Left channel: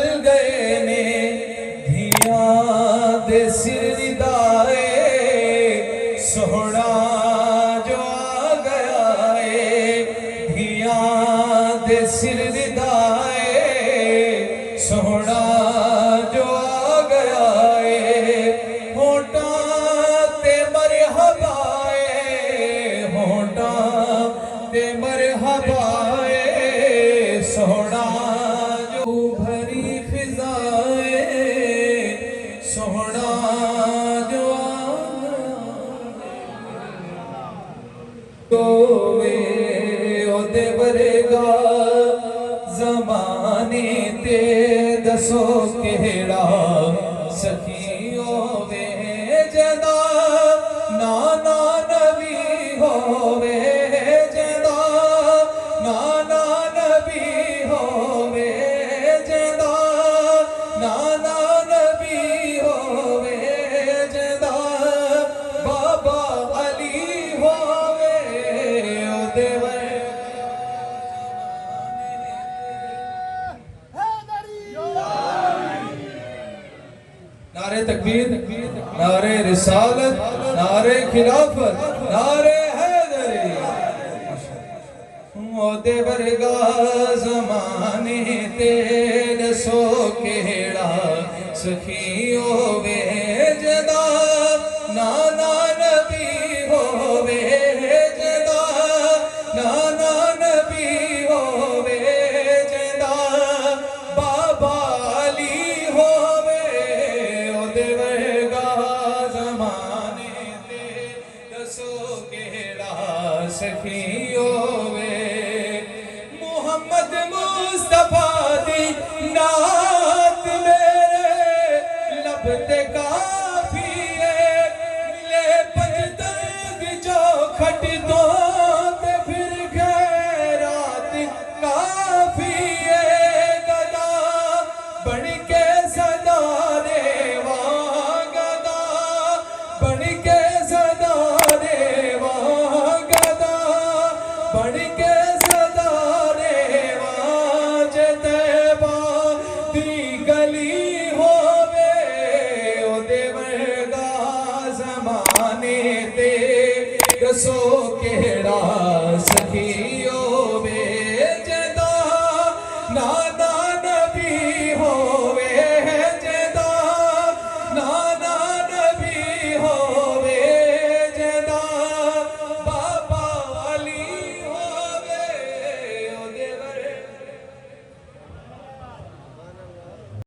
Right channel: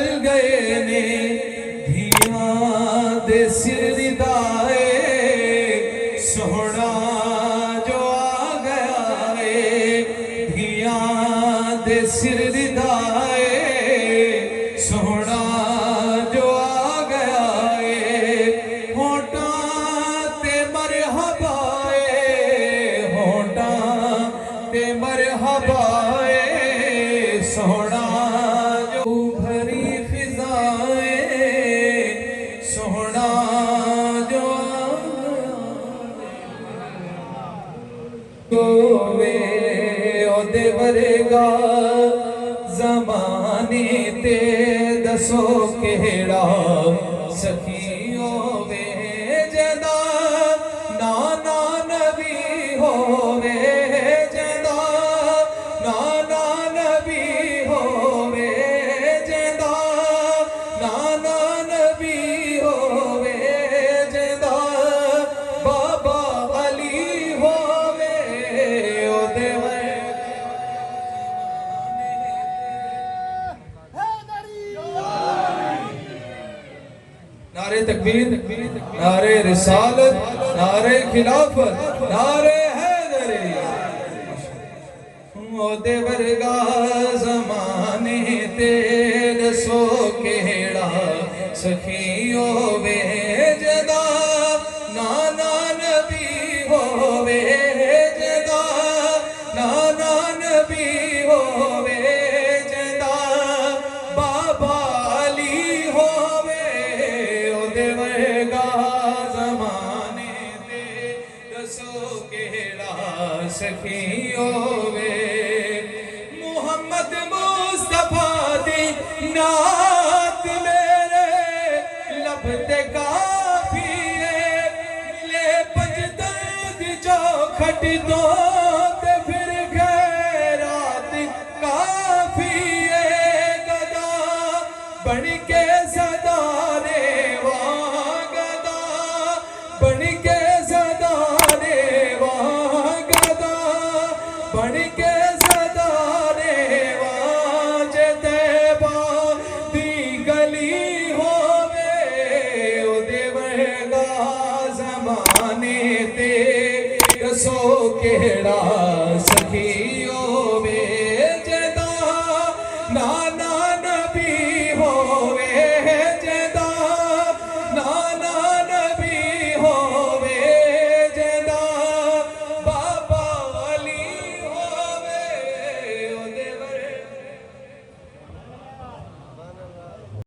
چل گئے نے دھیاں دے سر دائے سونا جو آ گیا ہے دھیاں دے سر دائے سونا جو آ گیا ہے ہونٹاں تے مرحبا ہونٹاں تے مرحبا سونا جو بھری فضائیں سونا جو دے ورگا زمانے تے دسو کہڑا سخی ہووے جدا نانا نبی ہووے جدا نانا نبی ہووے جدا نانا نبی ہووے جدا بابا علی ہووے او دے نعرے تکبیر نعرے رسالت نعرے خلافت نعرے حیدری او دے ورگا زمانے تے دسو کہڑا سخی ہووے جدا نانا نبی ہووے جدا نانا نبی ہووے جدا بابا علی ہووے او دے ورگا زمانے تے دسو کہڑا سخی ہووے محمد مصطفیٰ دی نعت میرے لب تے کافی ہے ملے پجدرد جو کھٹ دو تے پھر خیرات کافی ہے گدا بن کے صدارے وہاں گدا بن کے صدارے وہاں گدا بن کے دسو کہڑا